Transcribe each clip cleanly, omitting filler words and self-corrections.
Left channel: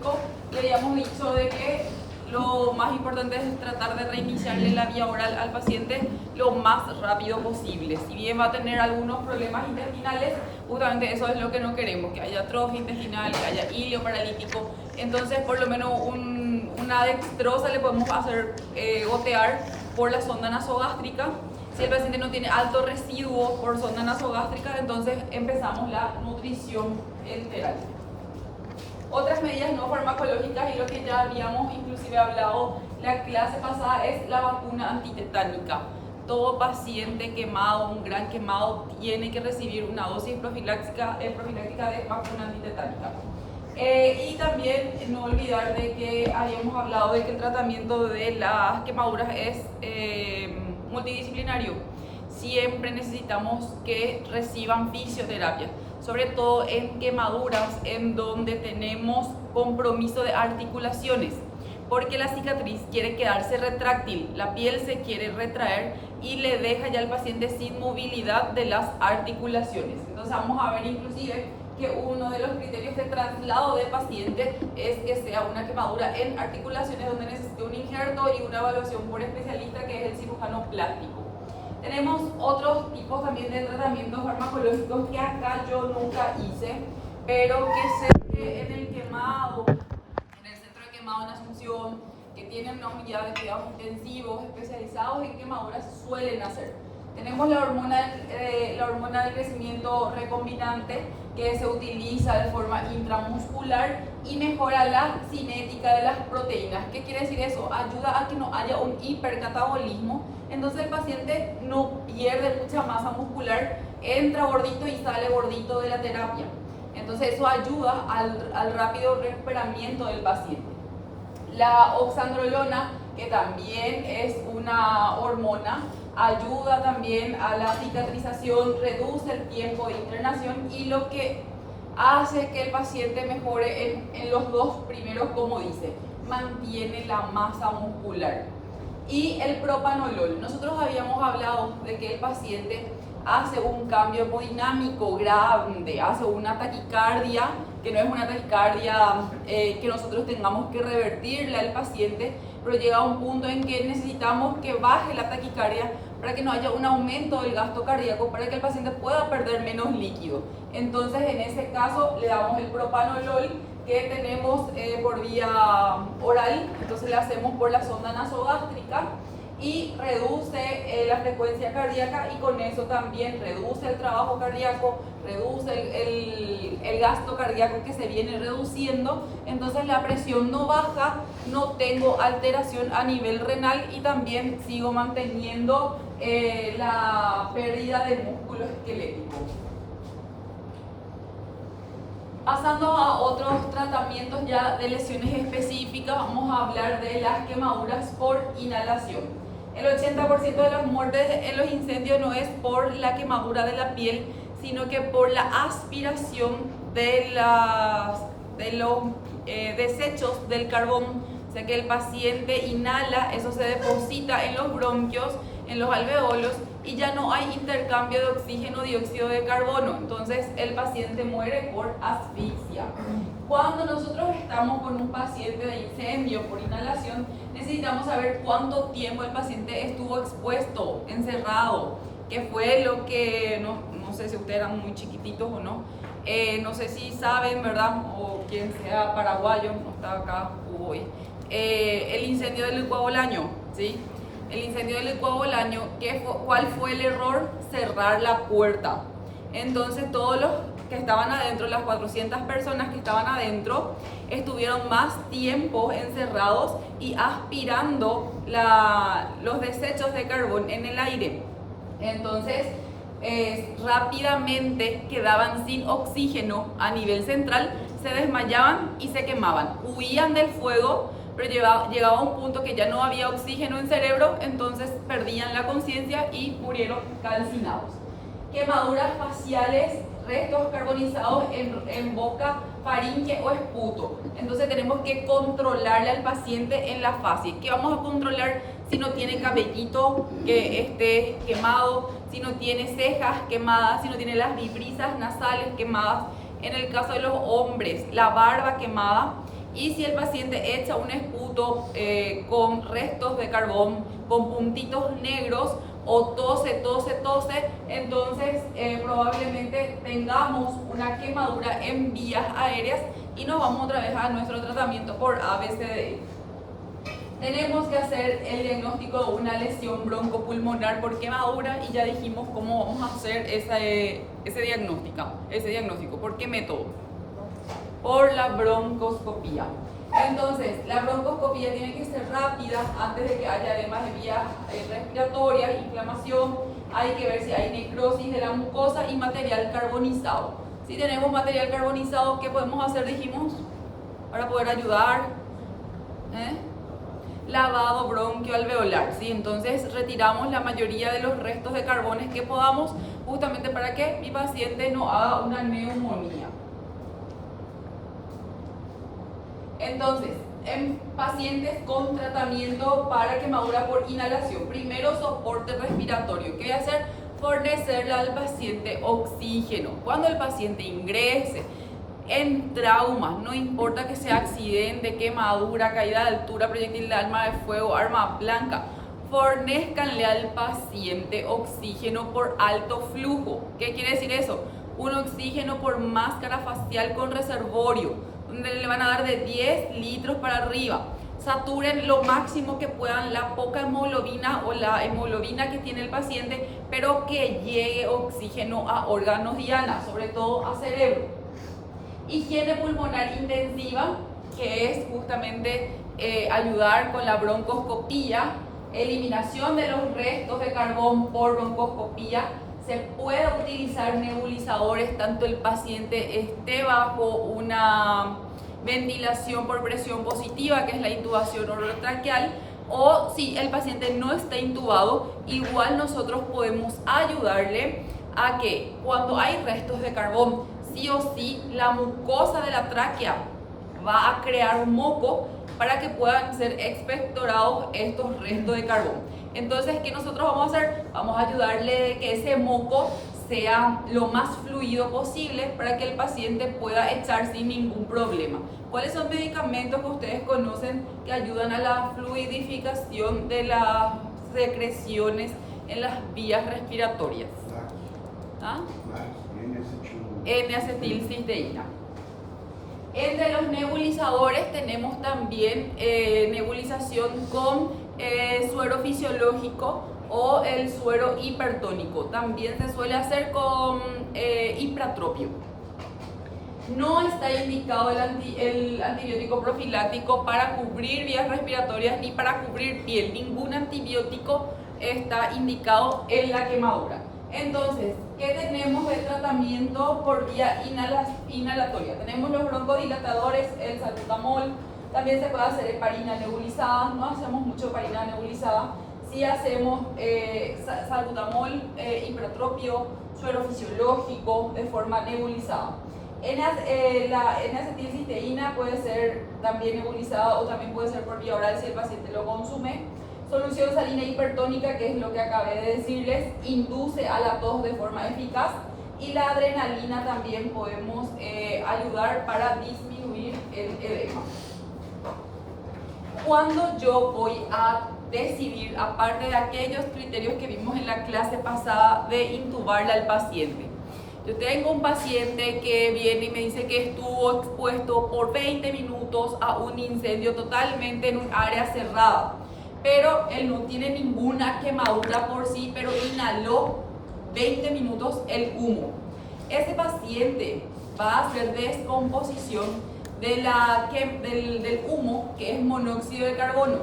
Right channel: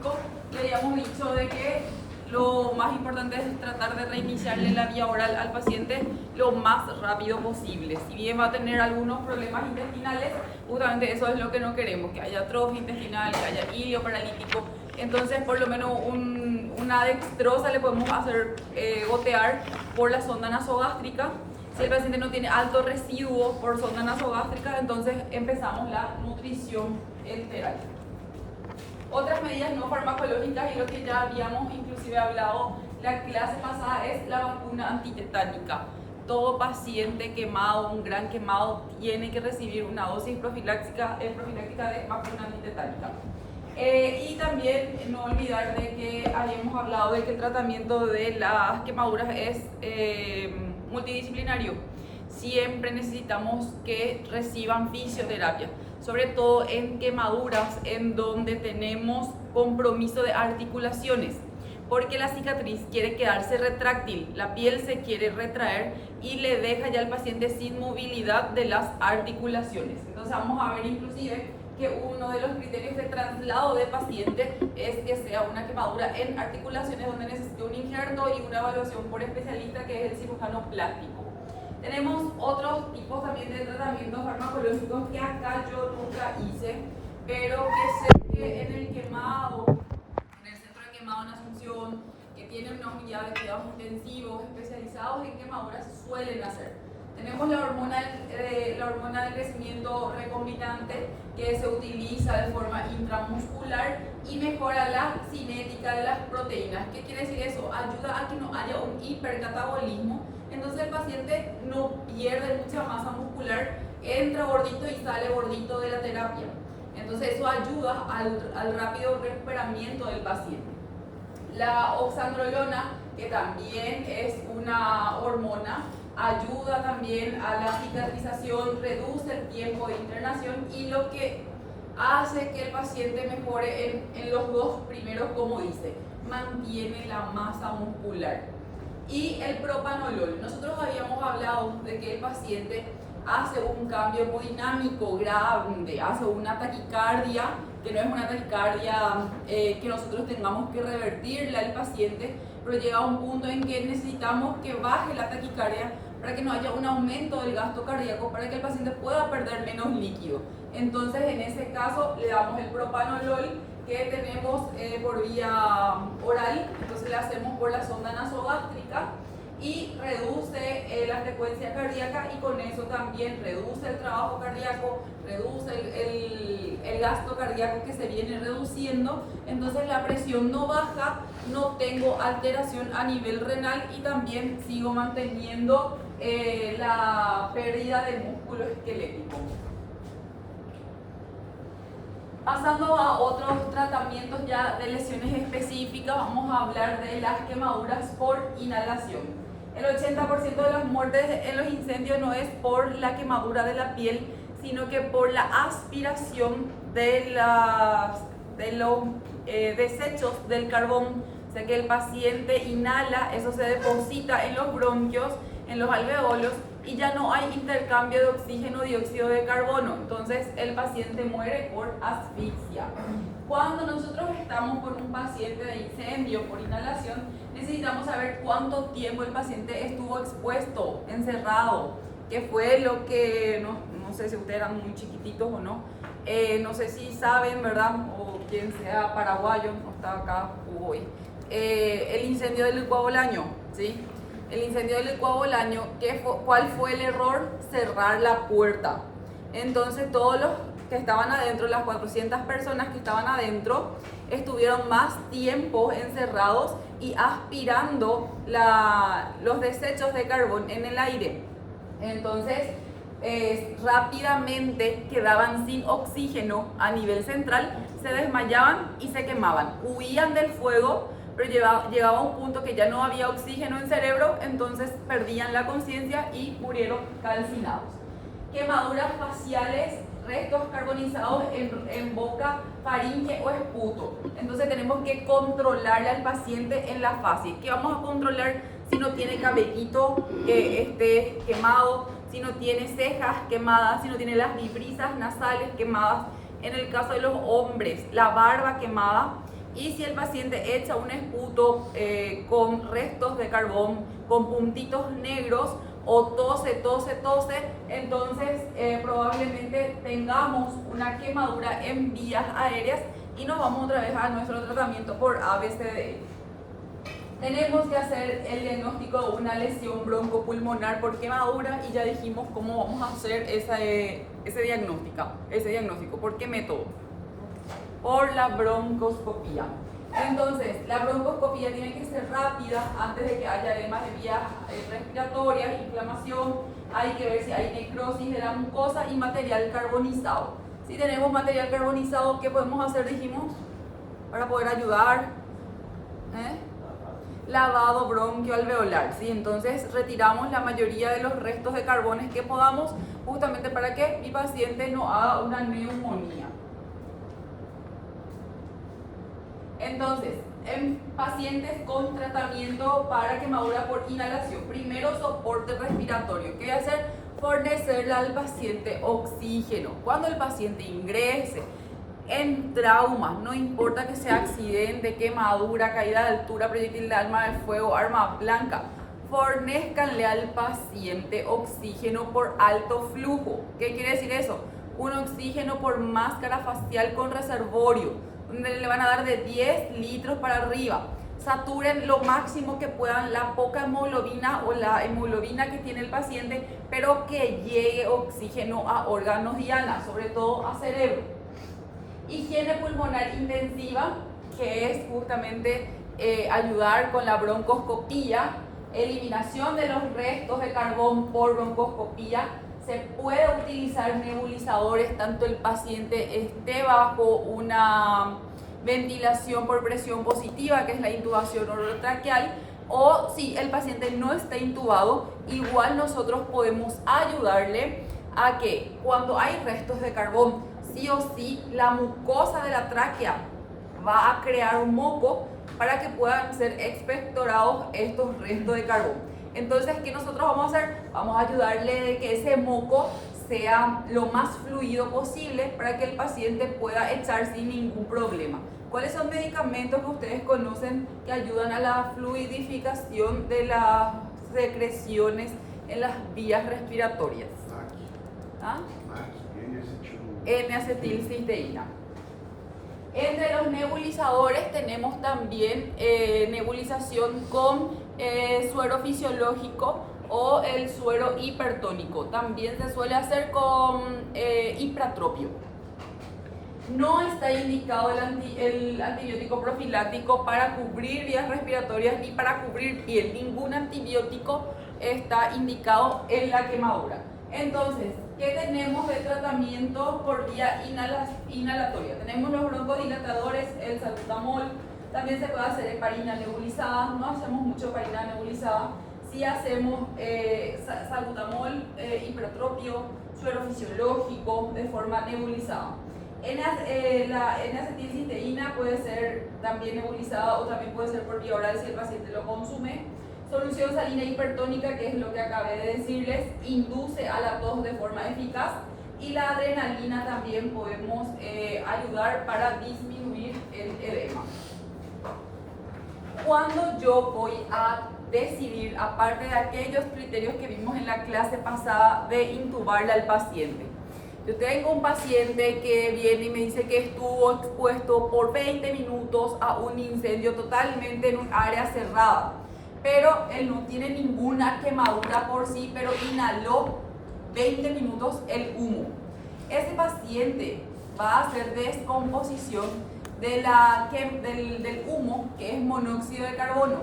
farmacológico, le habíamos dicho de que lo más importante es tratar de reiniciarle la vía oral al paciente lo más rápido posible. Si bien va a tener algunos problemas intestinales, justamente eso es lo que no queremos, que haya atrofia intestinal, que haya hilio paralítico. Entonces, por lo menos una dextrosa le podemos hacer gotear por la sonda nasogástrica. Si el paciente no tiene alto residuo por sonda nasogástrica, entonces empezamos la nutrición enteral. Otras medidas no farmacológicas y lo que ya habíamos inclusive hablado la clase pasada es la vacuna antitetánica. Todo paciente quemado, un gran quemado, tiene que recibir una dosis profiláctica de vacuna antitetánica. Y también no olvidar de que habíamos hablado de que el tratamiento de las quemaduras es multidisciplinario. Siempre necesitamos que reciban fisioterapia, sobre todo en quemaduras en donde tenemos compromiso de articulaciones, porque la cicatriz quiere quedarse retráctil, la piel se quiere retraer y le deja ya al paciente sin movilidad de las articulaciones. Entonces vamos a ver inclusive que uno de los criterios de traslado de paciente es que sea una quemadura en articulaciones donde necesite un injerto y una evaluación por especialista, que es el cirujano plástico. Tenemos otros tipos también de tratamientos farmacológicos que acá yo nunca hice, pero que sé que en el quemado, en el centro de quemado en Asunción, que tiene una unidad de cuidados intensivos especializados en quemaduras, suelen hacer. Tenemos la hormona del crecimiento recombinante, que se utiliza de forma intramuscular y mejora la cinética de las proteínas. ¿Qué quiere decir eso? Ayuda a que no haya un hipercatabolismo, entonces el paciente no pierde mucha masa muscular, entra gordito y sale gordito de la terapia. Entonces eso ayuda al rápido recuperamiento del paciente. La oxandrolona, que también es una hormona, ayuda también a la cicatrización, reduce el tiempo de internación y lo que hace que el paciente mejore en los dos primeros, como dice, mantiene la masa muscular. Y el propanolol, nosotros habíamos hablado de que el paciente hace un cambio hemodinámico grande, hace una taquicardia, que no es una taquicardia que nosotros tengamos que revertirle al paciente, pero llega a un punto en que necesitamos que baje la taquicardia para que no haya un aumento del gasto cardíaco, para que el paciente pueda perder menos líquido. Entonces, en ese caso, le damos el propanolol, que tenemos por vía oral, entonces le hacemos por la sonda nasogástrica y reduce la frecuencia cardíaca y con eso también reduce el trabajo cardíaco, reduce el gasto cardíaco que se viene reduciendo, entonces la presión no baja, no tengo alteración a nivel renal y también sigo manteniendo la pérdida de músculo esquelético. Pasando a otros tratamientos ya de lesiones específicas, vamos a hablar de las quemaduras por inhalación. El 80% de las muertes en los incendios no es por la quemadura de la piel, sino que por la aspiración de los desechos del carbón. O sea que el paciente inhala, eso se deposita en los bronquios, en los alveolos, y ya no hay intercambio de oxígeno, dióxido de carbono. Entonces el paciente muere por asfixia. Cuando nosotros estamos con un paciente de incendio por inhalación, necesitamos saber cuánto tiempo el paciente estuvo expuesto, encerrado, que fue lo que, no sé si ustedes eran muy chiquititos o no, no sé si saben, ¿verdad? O quien sea paraguayo, no está acá hoy. El incendio del Licuado Bolaño, ¿sí? El incendio del Licuado Bolaño, ¿cuál fue el error? Cerrar la puerta. Entonces todos los que estaban adentro, las 400 personas que estaban adentro, estuvieron más tiempo encerrados y aspirando los desechos de carbón en el aire. Entonces rápidamente quedaban sin oxígeno a nivel central, se desmayaban y se quemaban, huían del fuego, pero llegaba a un punto que ya no había oxígeno en cerebro, entonces perdían la conciencia y murieron calcinados. Quemaduras faciales, restos carbonizados en boca, faringe o esputo. Entonces tenemos que controlarle al paciente en la fase. ¿Qué vamos a controlar? Si no tiene cabellito que esté quemado, si no tiene cejas quemadas, si no tiene las vibrisas nasales quemadas. En el caso de los hombres, la barba quemada Y si el paciente echa un esputo con restos de carbón, con puntitos negros, o tose, entonces probablemente tengamos una quemadura en vías aéreas y nos vamos otra vez a nuestro tratamiento por ABCDE. Tenemos que hacer el diagnóstico de una lesión broncopulmonar por quemadura y ya dijimos cómo vamos a hacer ese diagnóstico. ¿Por qué método? Por la broncoscopía. Entonces, la broncoscopía tiene que ser rápida antes de que haya edemas de vías respiratorias, inflamación. Hay que ver si hay necrosis de la mucosa y material carbonizado. Si tenemos material carbonizado, ¿qué podemos hacer? Dijimos, para poder ayudar. Lavado bronquioalveolar, ¿sí? Entonces retiramos la mayoría de los restos de carbones que podamos, justamente para que mi paciente no haga una neumonía. Entonces, en pacientes con tratamiento para quemadura por inhalación, primero soporte respiratorio. ¿Qué voy a hacer? Fornecerle al paciente oxígeno. Cuando el paciente ingrese en traumas, no importa que sea accidente, quemadura, caída de altura, proyectil de arma de fuego, arma blanca, fornezcanle al paciente oxígeno por alto flujo. ¿Qué quiere decir eso? Un oxígeno por máscara facial con reservorio, donde le van a dar de 10 litros para arriba. Saturen lo máximo que puedan la poca hemoglobina o la hemoglobina que tiene el paciente, pero que llegue oxígeno a órganos diana, sobre todo a cerebro. Higiene pulmonar intensiva, que es justamente ayudar con la broncoscopía, eliminación de los restos de carbón por broncoscopía. Se puede utilizar nebulizadores, tanto el paciente esté bajo una ventilación por presión positiva, que es la intubación orotraqueal, o si el paciente no está intubado, igual nosotros podemos ayudarle a que cuando hay restos de carbón, sí o sí, la mucosa de la tráquea va a crear un moco para que puedan ser expectorados estos restos de carbón. Entonces, ¿qué nosotros vamos a hacer? Vamos a ayudarle a que ese moco sea lo más fluido posible para que el paciente pueda echar sin ningún problema. ¿Cuáles son medicamentos que ustedes conocen que ayudan a la fluidificación de las secreciones en las vías respiratorias? ¿Ah? N-acetilcisteína. Entre los nebulizadores tenemos también nebulización con suero fisiológico o el suero hipertónico. También se suele hacer con ipratropio. No está indicado el antibiótico profiláctico para cubrir vías respiratorias ni para cubrir piel. Ningún antibiótico está indicado en la quemadura. Entonces, ¿qué tenemos de tratamiento por vía inhalatoria? Tenemos los broncodilatadores, el salbutamol, también se puede hacer heparina nebulizada, no hacemos mucho heparina nebulizada, sí hacemos salbutamol, hipertropio, suero fisiológico de forma nebulizada. La N-acetilcisteína puede ser también nebulizada o también puede ser por vía oral si el paciente lo consume. Solución salina hipertónica, que es lo que acabé de decirles, induce a la tos de forma eficaz. Y la adrenalina también podemos ayudar para disminuir el edema. Cuando yo voy a decidir, aparte de aquellos criterios que vimos en la clase pasada, de intubarle al paciente. Yo tengo un paciente que viene y me dice que estuvo expuesto por 20 minutos a un incendio totalmente en un área cerrada, pero él no tiene ninguna quemadura por sí, pero inhaló 20 minutos el humo. Ese paciente va a hacer descomposición del humo, que es monóxido de carbono.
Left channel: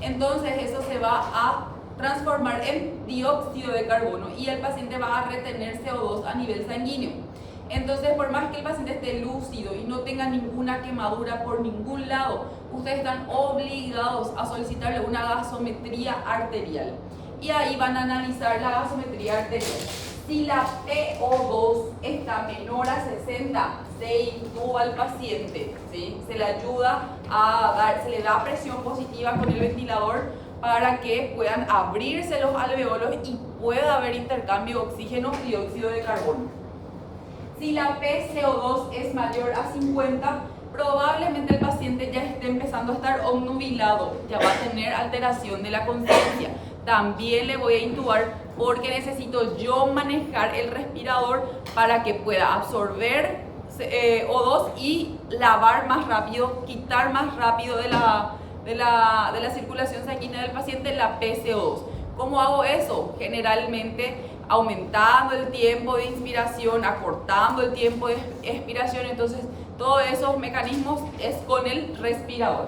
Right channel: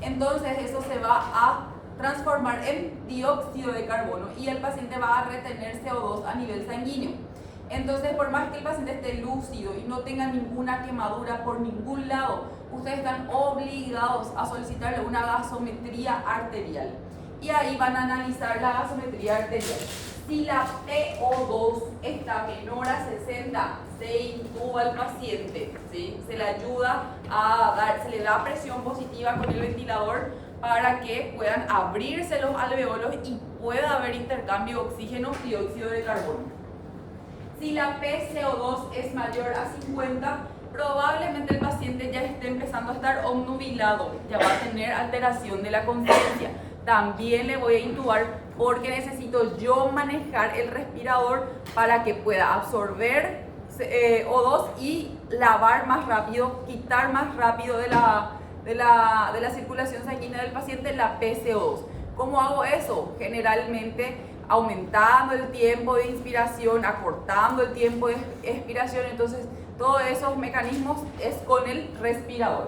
Entonces eso se va a transformar en dióxido de carbono y el paciente va a retener CO2 a nivel sanguíneo. Entonces, por más que el paciente esté lúcido y no tenga ninguna quemadura por ningún lado, ustedes están obligados a solicitarle una gasometría arterial. Y ahí van a analizar la gasometría arterial. Si la PO2 está menor a 60, se intuba al paciente, ¿sí? Se le ayuda se le da presión positiva con el ventilador para que puedan abrirse los alveolos y pueda haber intercambio oxígeno-dióxido de carbono. Si la PCO2 es mayor a 50, probablemente el paciente ya esté empezando a estar obnubilado, ya va a tener alteración de la conciencia. También le voy a intubar porque necesito yo manejar el respirador para que pueda absorber O2 y lavar más rápido, quitar más rápido de la circulación sanguínea del paciente la PCO2. ¿Cómo hago eso? Generalmente aumentando el tiempo de inspiración, acortando el tiempo de expiración. Entonces, todos esos mecanismos es con el respirador.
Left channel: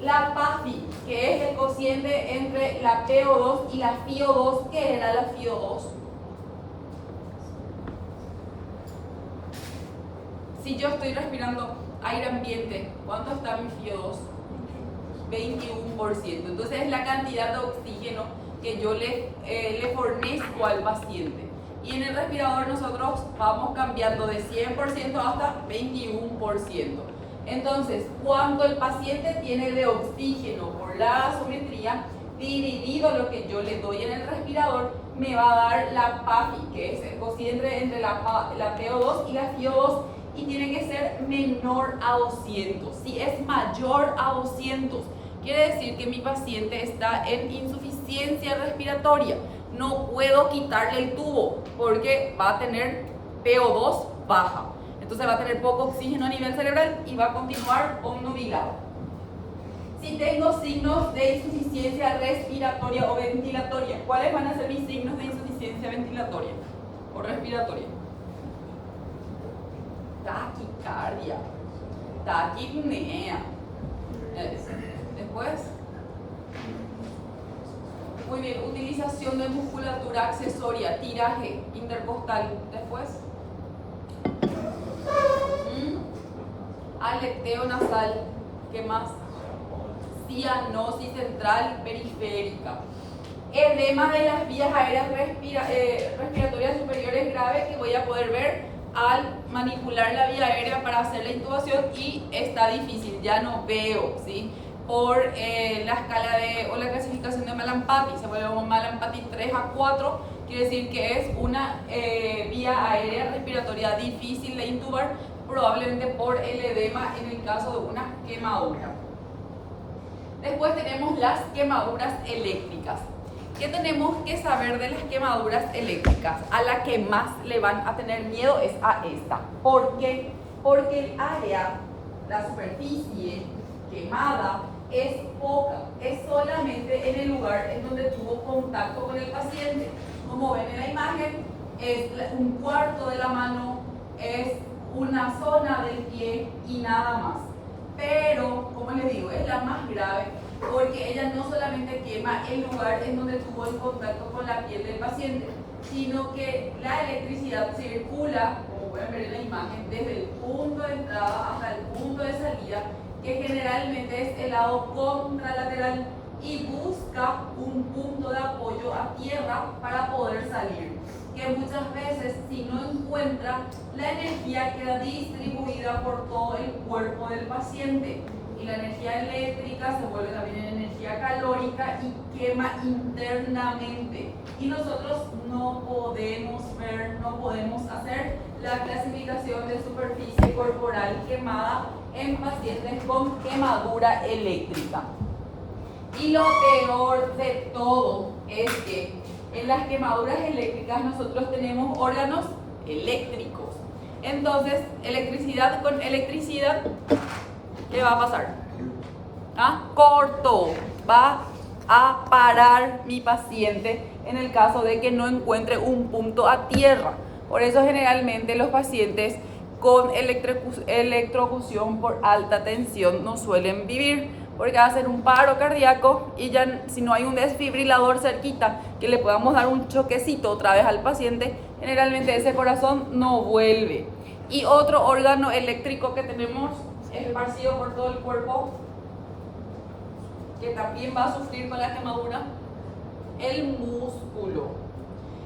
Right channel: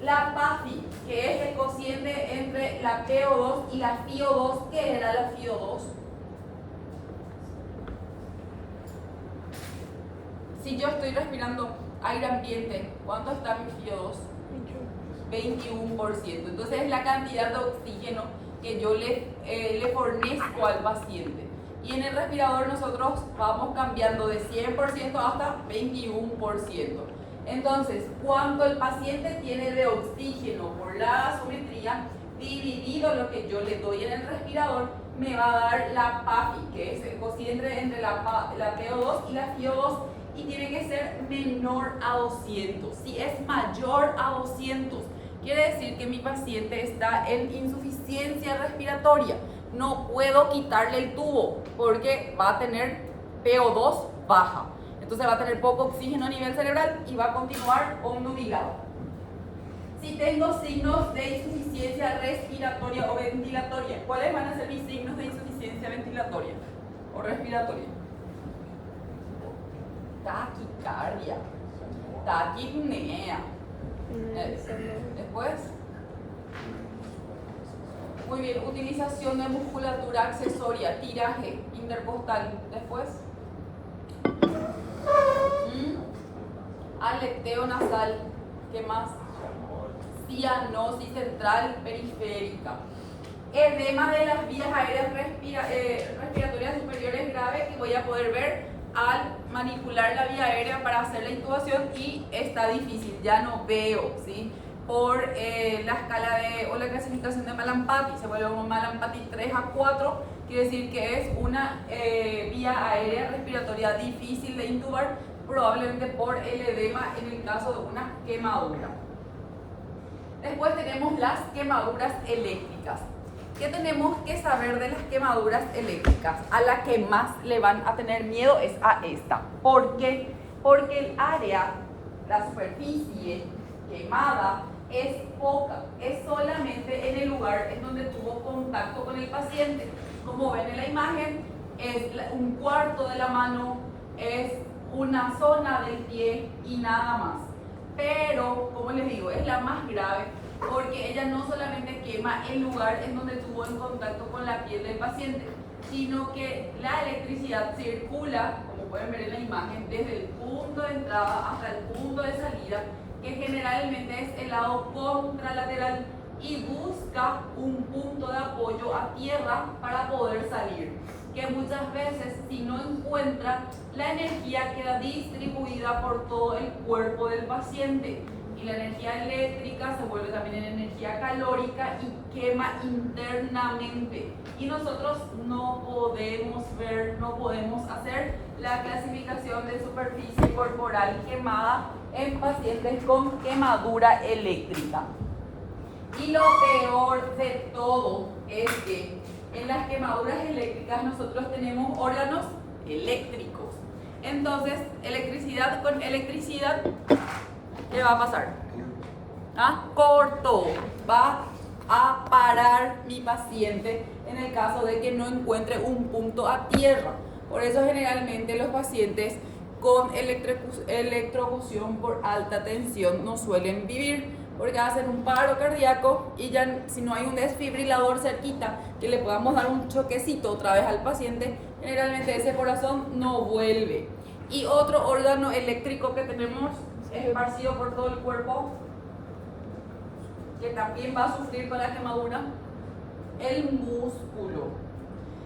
La PAFI, que es el cociente entre la PO2 y la FiO2. ¿Qué era la FiO2? Si yo estoy respirando aire ambiente, ¿cuánto está mi FiO2? 21%. Entonces es la cantidad de oxígeno que yo le fornezco al paciente. Y en el respirador nosotros vamos cambiando de 100% hasta 21%. Entonces, cuánto el paciente tiene de oxígeno por la gasometría, dividido lo que yo le doy en el respirador, me va a dar la PAFI, que es el cociente entre la PO2 y la FiO2, y tiene que ser menor a 200. Si es mayor a 200, quiere decir que mi paciente está en insuficiencia respiratoria. No puedo quitarle el tubo porque va a tener PO2 baja. Entonces va a tener poco oxígeno a nivel cerebral y va a continuar obnubilado. Si tengo signos de insuficiencia respiratoria o ventilatoria, ¿cuáles van a ser mis signos de insuficiencia ventilatoria o respiratoria? Taquicardia, taquipnea. Después, muy bien, utilización de musculatura accesoria, tiraje intercostal. Después, aleteo nasal. ¿Qué más? Cianosis central periférica. Edema de las vías aéreas respiratorias superiores grave, que voy a poder ver al manipular la vía aérea para hacer la intubación, y está difícil, ya no veo, ¿sí? Por la escala o la clasificación de Mallampati, se vuelve un Mallampati 3 a 4, quiere decir que es una vía aérea respiratoria difícil de intubar, probablemente por el edema en el caso de una quemadura. Después tenemos las quemaduras eléctricas. ¿Qué tenemos que saber de las quemaduras eléctricas? A la que más le van a tener miedo es a esta. ¿Por qué? Porque el área, la superficie quemada es poca, es solamente en el lugar en donde tuvo contacto con el paciente. Como ven en la imagen, es un cuarto de la mano, es una zona del pie y nada más. Pero, como les digo, es la más grave porque ella no solamente quema el lugar en donde tuvo el contacto con la piel del paciente, sino que la electricidad circula, como pueden ver en la imagen, desde el punto de entrada hasta el punto de salida, que generalmente es el lado contralateral, y busca un punto de apoyo a tierra para poder salir, que muchas veces, si no encuentra, la energía queda distribuida por todo el cuerpo del paciente, y la energía eléctrica se vuelve también en energía calórica y quema internamente, y nosotros no podemos ver, no podemos hacer la clasificación de superficie corporal quemada en pacientes con quemadura eléctrica. Y lo peor de todo es que en las quemaduras eléctricas nosotros tenemos órganos eléctricos. Entonces, electricidad con electricidad, ¿qué va a pasar? Corto. Va a parar mi paciente en el caso de que no encuentre un punto a tierra. Por eso generalmente los pacientes con electrocución por alta tensión no suelen vivir, porque va a ser un paro cardíaco, y ya si no hay un desfibrilador cerquita que le podamos dar un choquecito otra vez al paciente, generalmente ese corazón no vuelve. Y otro órgano eléctrico que tenemos esparcido por todo el cuerpo, que también va a sufrir con la quemadura, el músculo.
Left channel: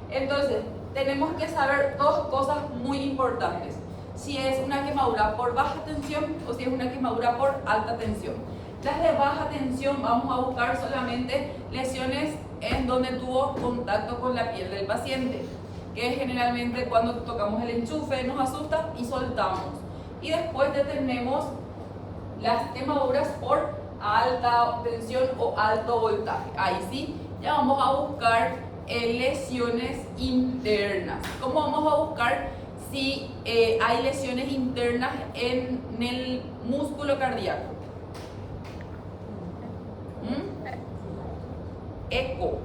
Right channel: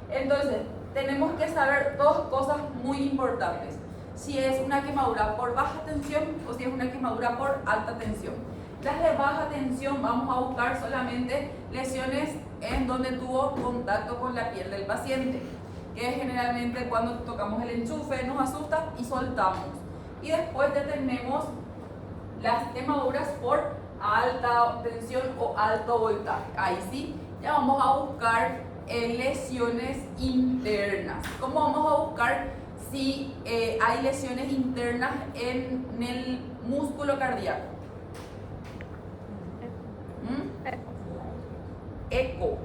Entonces, tenemos que saber dos cosas muy importantes: si es una quemadura por baja tensión o si es una quemadura por alta tensión. Las de baja tensión vamos a buscar solamente lesiones en donde tuvo contacto con la piel del paciente, que es generalmente cuando tocamos el enchufe, nos asusta y soltamos. Y después detenemos las quemaduras por alta tensión o alto voltaje. Ahí sí, ya vamos a buscar lesiones internas. ¿Cómo vamos a buscar si hay lesiones internas en el músculo cardíaco? Eco,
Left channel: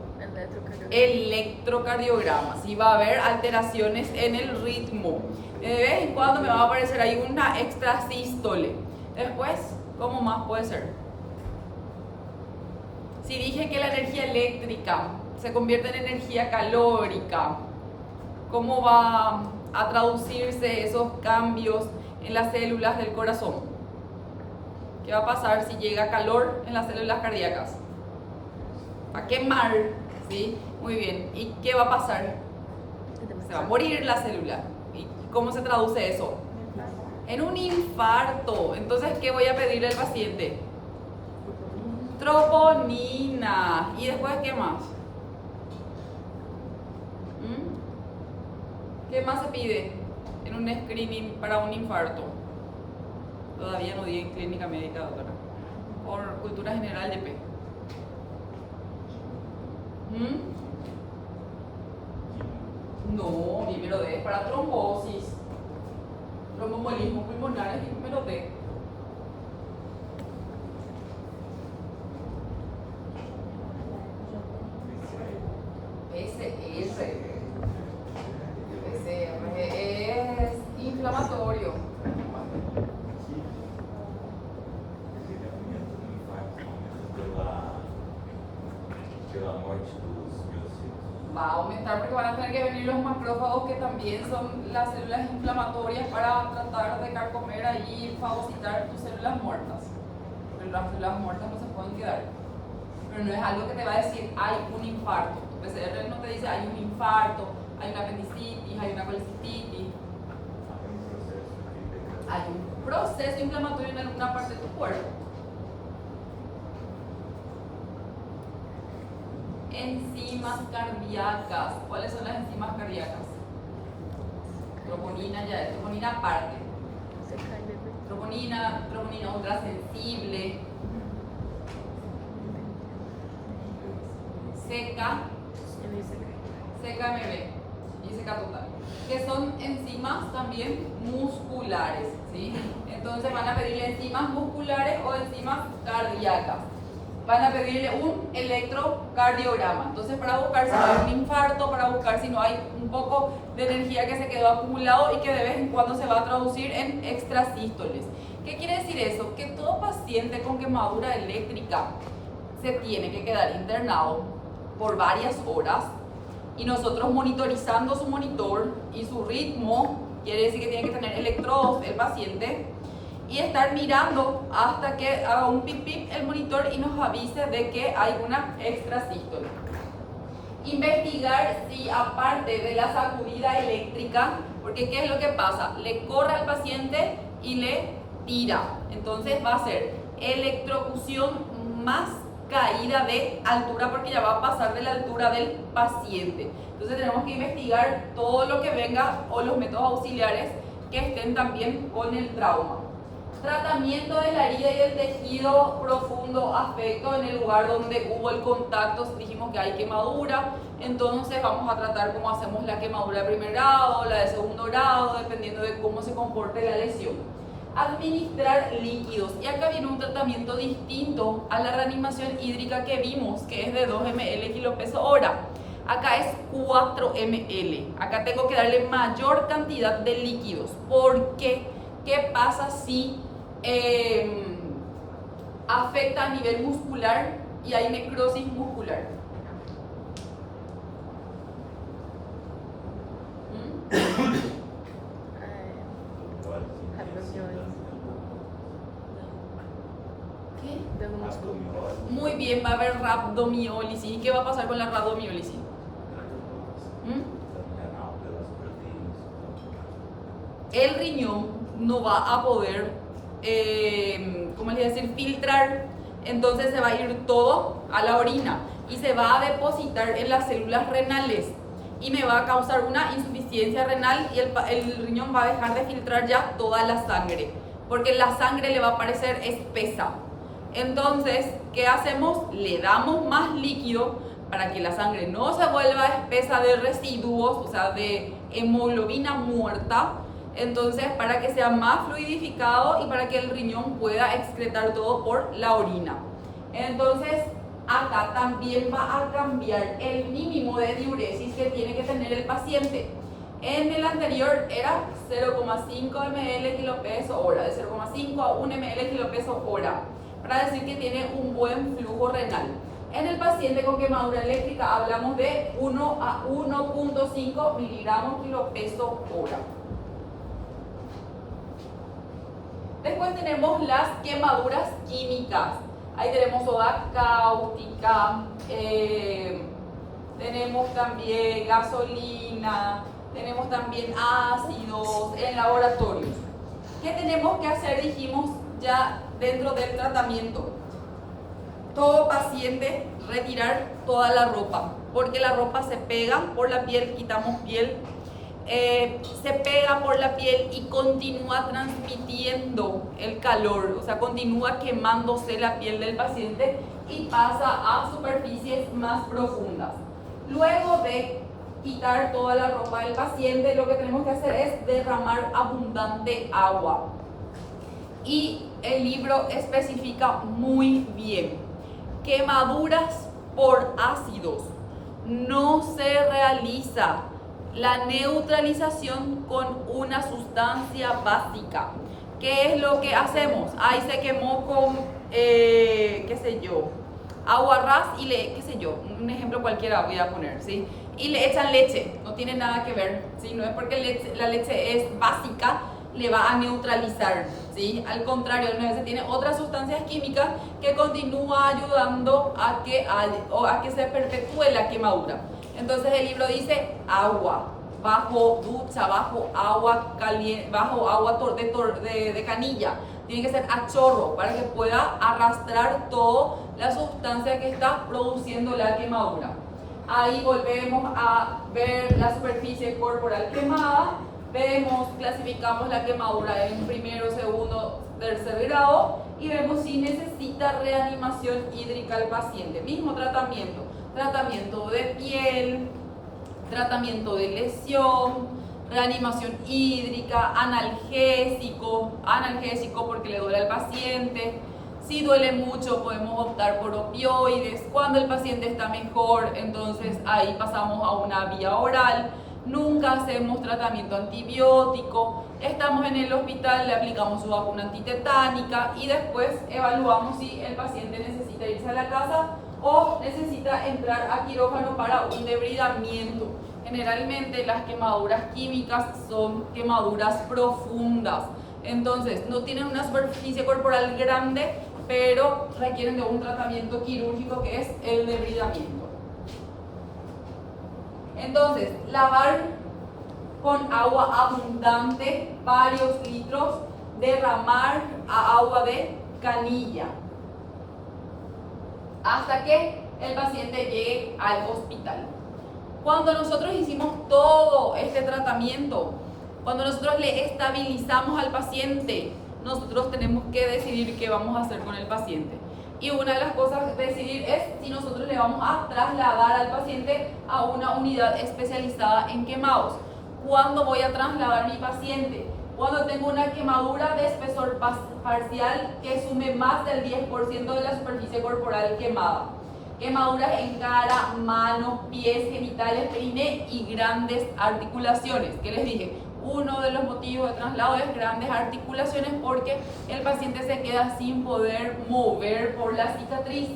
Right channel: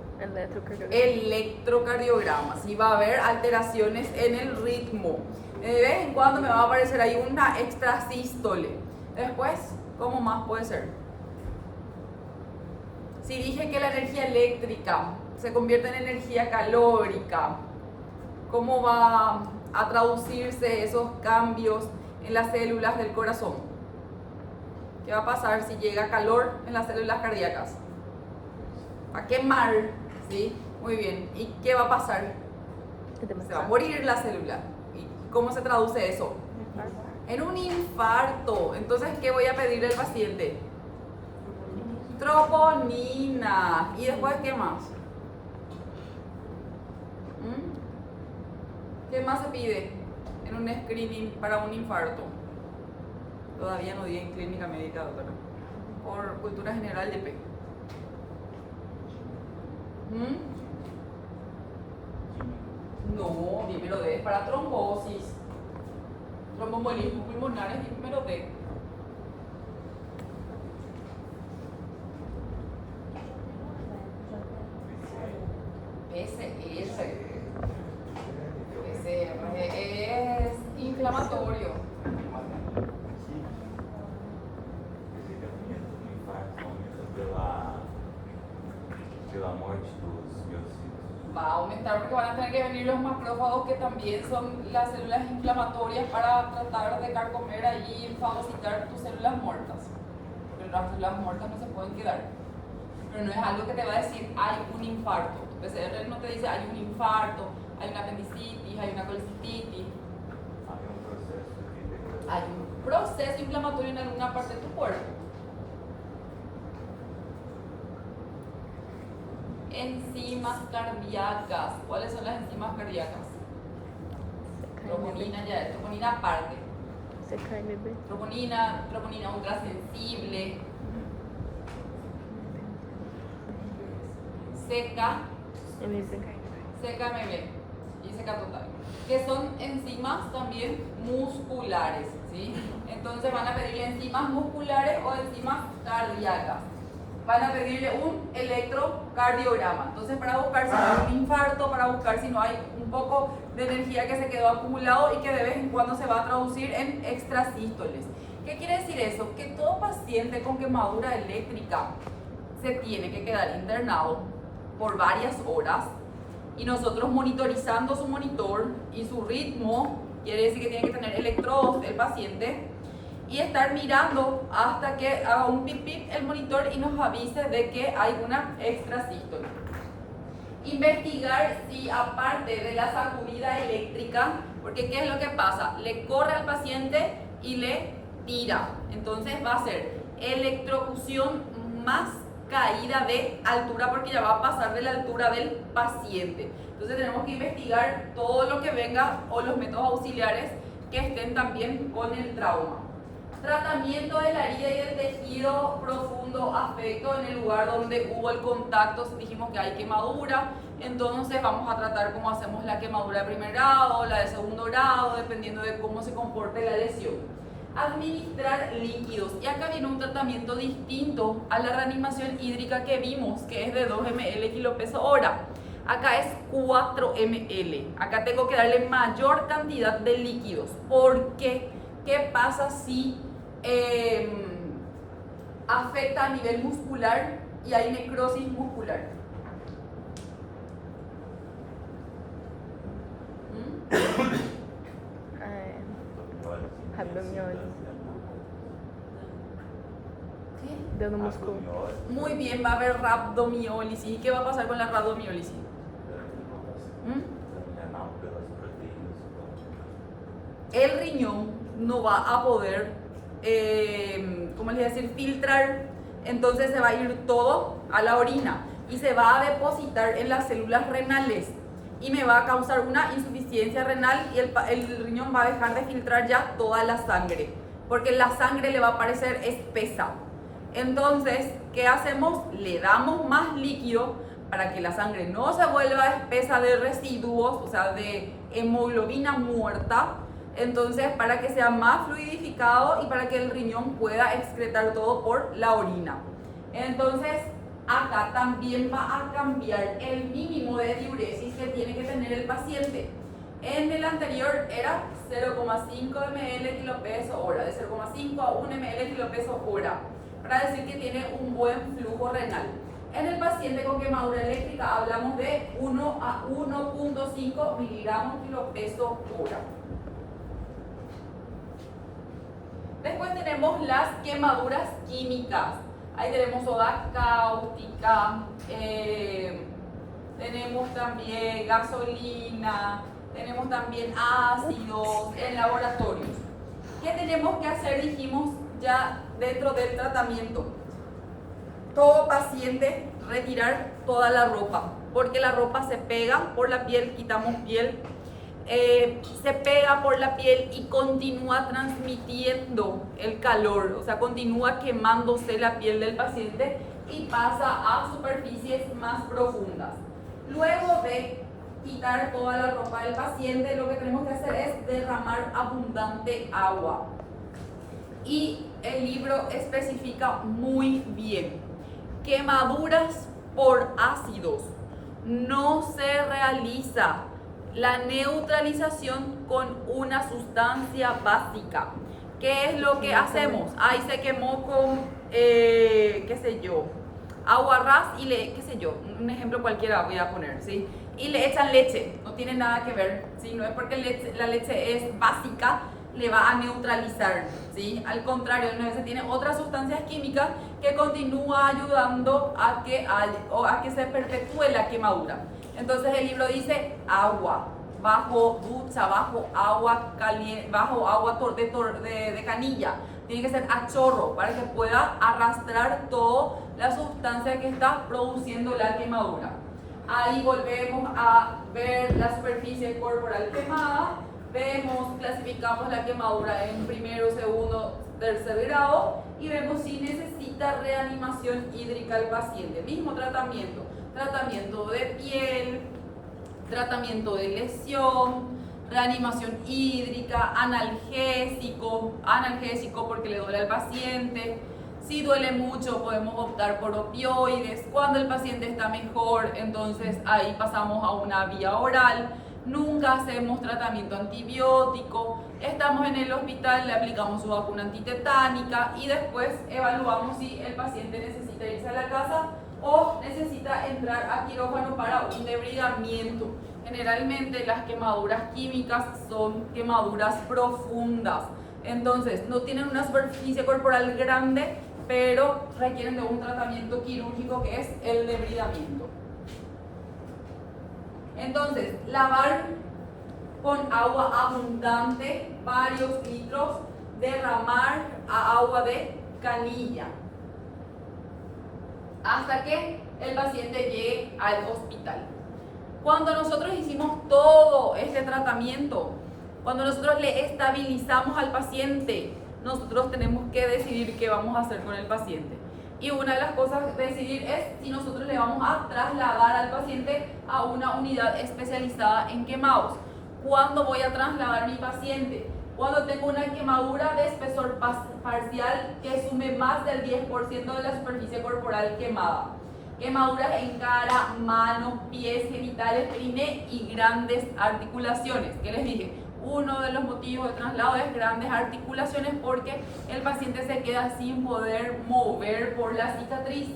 electrocardiograma. Si va a haber alteraciones en el ritmo. De vez en cuando me va a aparecer ahí una extrasístole. Después, ¿cómo más puede ser? Si dije que la energía eléctrica se convierte en energía calórica, ¿cómo va a traducirse esos cambios en las células del corazón? ¿Qué va a pasar si llega calor en las células cardíacas? Va a quemar, ¿sí? Muy bien. ¿Y qué va a pasar? Se va a morir la célula. ¿Y cómo se traduce eso? En un infarto. Entonces, ¿qué voy a pedirle al paciente? Troponina. ¿Y después qué más? ¿Qué más se pide en un screening para un infarto? Todavía no di en clínica médica, doctora. Por cultura general de P. No, primero D es para trombosis, tromboembolismo pulmonares y primero D. PCR es inflamatorio. Va a aumentar porque van a tener que venir los macrófagos, que también son las células inflamatorias, para tratar de carcomer ahí y fagocitar tus células muertas. Pero las células muertas no se pueden quedar. Pero no es algo que te va a decir hay un infarto. Tu PCR no te dice hay un infarto, hay una apendicitis, hay una colecistitis. Hay un proceso inflamatorio en alguna parte de tu cuerpo. Enzimas cardíacas. ¿Cuáles son las enzimas cardíacas? Troponina ya es, troponina aparte. Troponina ultrasensible. CKMB y CK total, que son enzimas también musculares, ¿sí? Entonces van a pedirle enzimas musculares o enzimas cardíacas. Van a pedirle un electrocardiograma. Entonces, para buscar si no hay un infarto, para buscar si no hay un poco de energía que se quedó acumulado y que de vez en cuando se va a traducir en extrasístoles. ¿Qué quiere decir eso? Que todo paciente con quemadura eléctrica se tiene que quedar internado por varias horas, y nosotros monitorizando su monitor y su ritmo, quiere decir que tiene que tener electrodos el paciente, y estar mirando hasta que haga un pip pip el monitor y nos avise de que hay una extrasístole. Investigar si aparte de la sacudida eléctrica, porque ¿qué es lo que pasa? Le corre al paciente y le tira. Entonces va a ser electrocución más caída de altura, porque ya va a pasar de la altura del paciente. Entonces tenemos que investigar todo lo que venga o los métodos auxiliares que estén también con el trauma. Tratamiento de la herida y el tejido profundo afecto en el lugar donde hubo el contacto. Dijimos que hay quemadura, entonces vamos a tratar cómo hacemos la quemadura de primer grado, la de segundo grado, dependiendo de cómo se comporte la lesión. Administrar líquidos, y acá viene un tratamiento distinto a la reanimación hídrica que vimos, que es de 2 ml kilopeso hora. Acá es 4 ml. Acá tengo que darle mayor cantidad de líquidos. ¿Por qué? ¿Qué pasa si afecta a nivel muscular y hay necrosis muscular? Muy bien, va a haber rhabdomiólisis. ¿Y qué va a pasar con la rhabdomiólisis? El riñón no va a poder, ¿cómo les voy a decir? Filtrar. Entonces se va a ir todo a la orina y se va a depositar en las células renales. y me va a causar una insuficiencia renal y el riñón va a dejar de filtrar ya toda la sangre, porque la sangre le va a parecer espesa. Entonces, ¿qué hacemos? Le damos más líquido para que la sangre no se vuelva espesa de residuos, o sea, de hemoglobina muerta. Entonces, para que sea más fluidificado y para que el riñón pueda excretar todo por la orina. Entonces, acá también va a cambiar el mínimo de diuresis que tiene que tener el paciente. En el anterior era 0,5 ml kilo peso hora, de 0,5 a 1 ml kilo peso hora, para decir que tiene un buen flujo renal. En el paciente con quemadura eléctrica hablamos de 1 a 1,5 miligramos kilo peso hora. Después tenemos las quemaduras químicas. Ahí tenemos soda cáustica, tenemos también gasolina, tenemos también ácidos en laboratorios. ¿Qué tenemos que hacer? Dijimos ya dentro del tratamiento. Todo paciente retirar toda la ropa, porque la ropa se pega por la piel, quitamos piel, se pega por la piel y continúa transmitiendo el calor, o sea, continúa quemándose la piel del paciente y pasa a superficies más profundas. Luego de quitar toda la ropa del paciente, lo que tenemos que hacer es derramar abundante agua. Y el libro especifica muy bien: quemaduras por ácidos. No se realiza la neutralización con una sustancia básica. ¿Qué es lo que hacemos? Ahí se quemó con, qué sé yo, agua ras y qué sé yo, un ejemplo cualquiera voy a poner, ¿sí? Y le echan leche, no tiene nada que ver, ¿sí? No es porque la leche es básica, le va a neutralizar, ¿sí? Al contrario, se tiene otras sustancias químicas que continúa ayudando a que se perpetúe la quemadura. Entonces el libro dice agua, bajo ducha, bajo agua caliente, bajo agua de canilla. Tiene que ser a chorro para que pueda arrastrar toda la sustancia que está produciendo la quemadura. Ahí volvemos a ver la superficie corporal quemada. Vemos, clasificamos la quemadura en primero, segundo, tercer grado y vemos si necesita reanimación hídrica el paciente. Mismo tratamiento, tratamiento de piel, tratamiento de lesión, reanimación hídrica, analgésico porque le duele al paciente. Si duele mucho podemos optar por opioides. Cuando el paciente está mejor, entonces ahí pasamos a una vía oral. Nunca hacemos tratamiento antibiótico. Estamos en el hospital, le aplicamos su vacuna antitetánica y después evaluamos si el paciente necesita irse a la casa o necesita entrar a quirófano para un debridamiento. Generalmente las quemaduras químicas son quemaduras profundas, entonces no tienen una superficie corporal grande, pero requieren de un tratamiento quirúrgico que es el debridamiento. Entonces, lavar con agua abundante, varios litros, derramar a agua de canilla, hasta que el paciente llegue al hospital. Cuando nosotros hicimos todo este tratamiento, cuando nosotros le estabilizamos al paciente, nosotros tenemos que decidir qué vamos a hacer con el paciente. Y una de las cosas a decidir es si nosotros le vamos a trasladar al paciente a una unidad especializada en quemados. ¿Cuándo voy a trasladar a mi paciente? Cuando tengo una quemadura de espesor parcial que sume más del 10% de la superficie corporal quemada. Quemaduras en cara, manos, pies, genitales, perine y grandes articulaciones. ¿Qué les dije? Uno de los motivos de traslado es grandes articulaciones porque el paciente se queda sin poder mover por la cicatriz.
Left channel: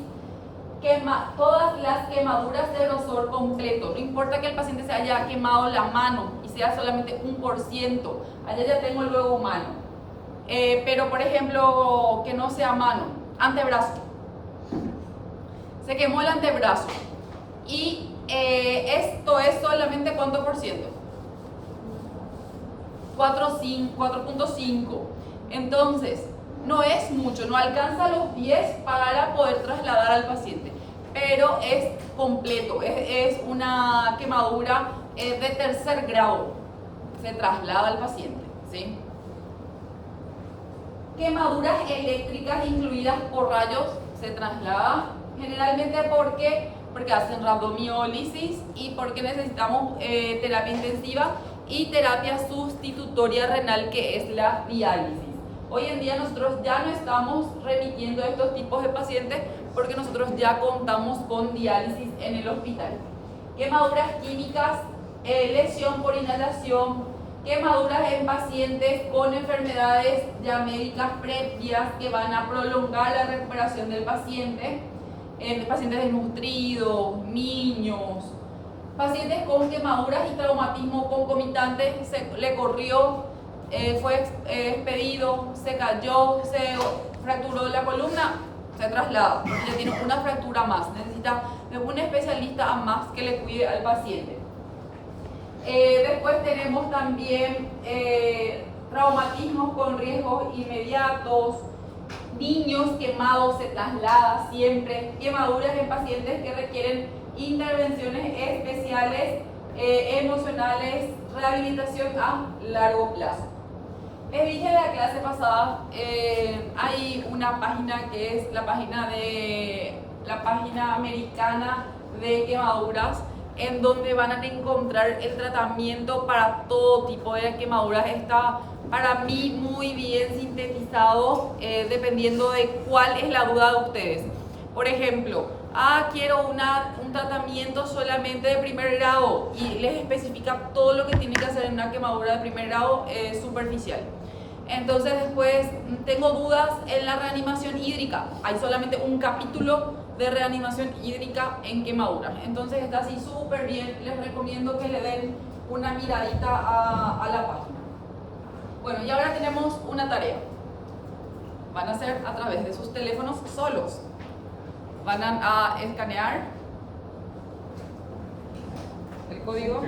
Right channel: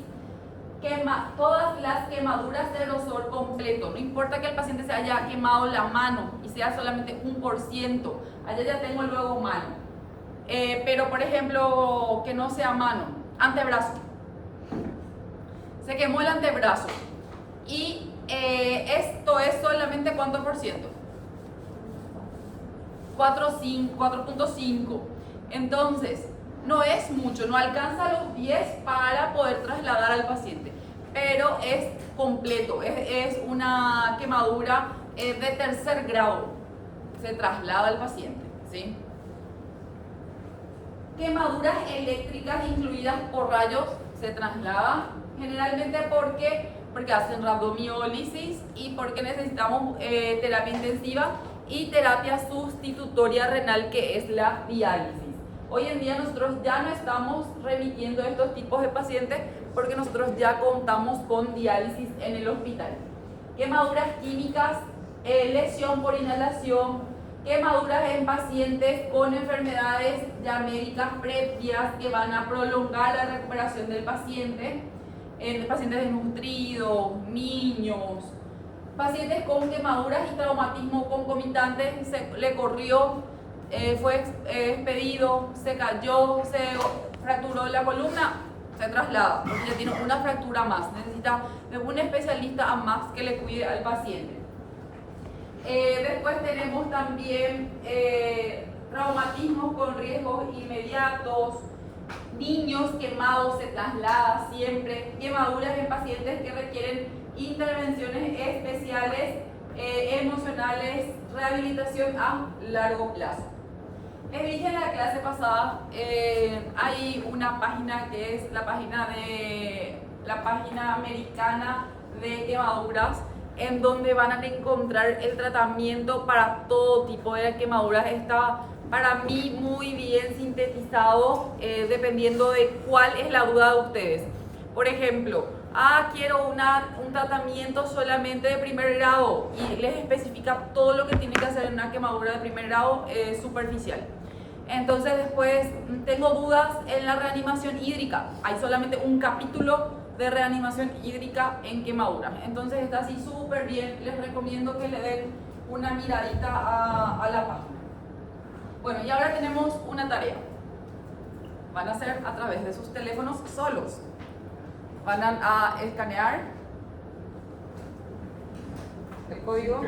Todas las quemaduras de grosor completo, no importa que el paciente se haya quemado la mano y sea solamente 1%, allá ya tengo luego mano, pero por ejemplo que no sea mano, antebrazo, se quemó el antebrazo y esto es solamente ¿cuánto por ciento? 4.5. Entonces no es mucho, no alcanza los 10 para poder trasladar al paciente, pero es completo, es una quemadura de tercer grado se traslada al paciente, ¿sí? Quemaduras eléctricas incluidas por rayos se traslada generalmente porque hacen rabdomiólisis y porque necesitamos terapia intensiva y terapia sustitutoria renal, que es la diálisis. Hoy en día nosotros ya no estamos remitiendo a estos tipos de pacientes porque nosotros ya contamos con diálisis en el hospital. Quemaduras químicas, lesión por inhalación, quemaduras en pacientes con enfermedades ya médicas previas que van a prolongar la recuperación del paciente, en pacientes desnutridos, niños, pacientes con quemaduras y traumatismo concomitante, le corrió, fue expedido, se cayó, se fracturó la columna, se traslada, porque ya tiene una fractura más, necesita de un especialista a más que le cuide al paciente. Después tenemos también traumatismos con riesgos inmediatos, niños quemados se traslada siempre, quemaduras en pacientes que requieren intervenciones especiales, emocionales, rehabilitación a largo plazo. Les dije en la clase pasada, hay una página que es la página americana de quemaduras, en donde van a encontrar el tratamiento para todo tipo de quemaduras. Está para mí muy bien sintetizado, dependiendo de cuál es la duda de ustedes. Por ejemplo, quiero un tratamiento solamente de primer grado, y les especifica todo lo que tiene que hacer en una quemadura de primer grado superficial. Entonces después tengo dudas en la reanimación hídrica. Hay solamente un capítulo de reanimación hídrica en quemaduras. Entonces está así súper bien. Les recomiendo que le den una miradita a la página. Bueno, y ahora tenemos una tarea. Van a hacer a través de sus teléfonos solos. Van a escanear el código.